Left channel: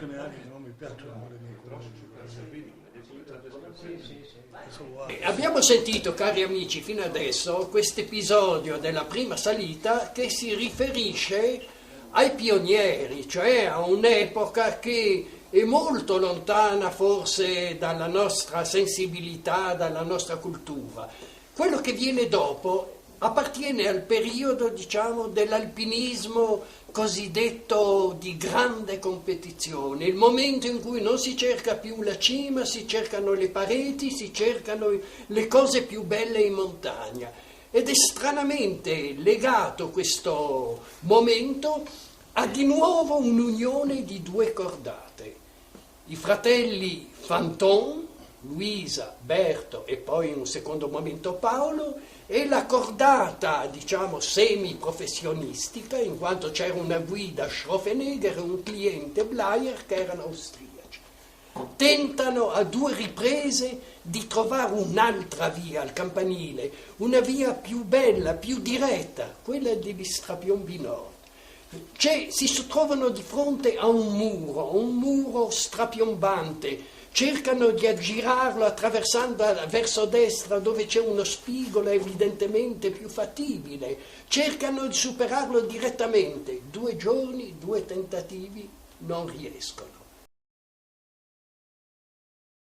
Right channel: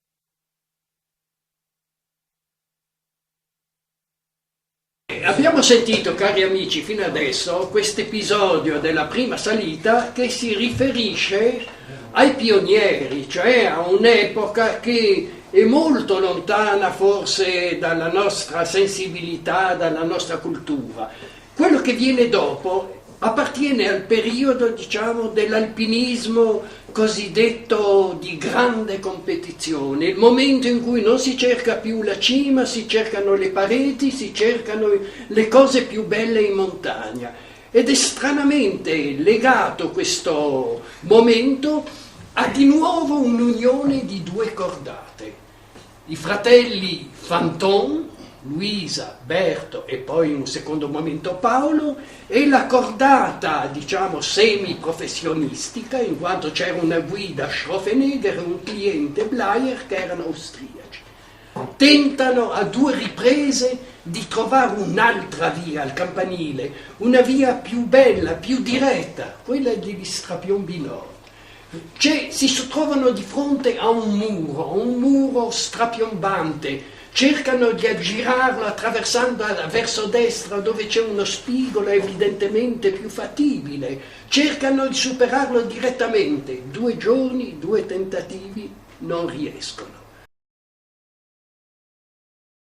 canali non mi piacciono le mie Abbiamo sentito, cari amici, fino adesso questo episodio della prima salita che si riferisce ai pionieri, cioè a un'epoca che è molto lontana forse dalla nostra sensibilità, dalla nostra cultura. Quello che viene dopo appartiene al periodo, diciamo, dell'alpinismo cosiddetto di grande competizione, il momento in cui non si cerca più la cima, si cercano le pareti, si cercano le cose più belle in montagna. Ed è stranamente legato questo momento a di nuovo un'unione di due cordate. I fratelli Fanton, Luisa, Berto e poi in un secondo momento Paolo, e la cordata, diciamo, semi-professionistica, in quanto c'era una guida Schrofenegger e un cliente Bleier che erano austriaci. Tentano a due riprese di trovare un'altra via al campanile, una via più bella, più diretta, quella degli Strapion-Binoard. Si trovano di fronte a un muro strapiombante, cercano di aggirarlo attraversando verso destra dove c'è uno spigolo evidentemente più fattibile, cercano di superarlo direttamente. 2 giorni, 2 tentativi, non riescono.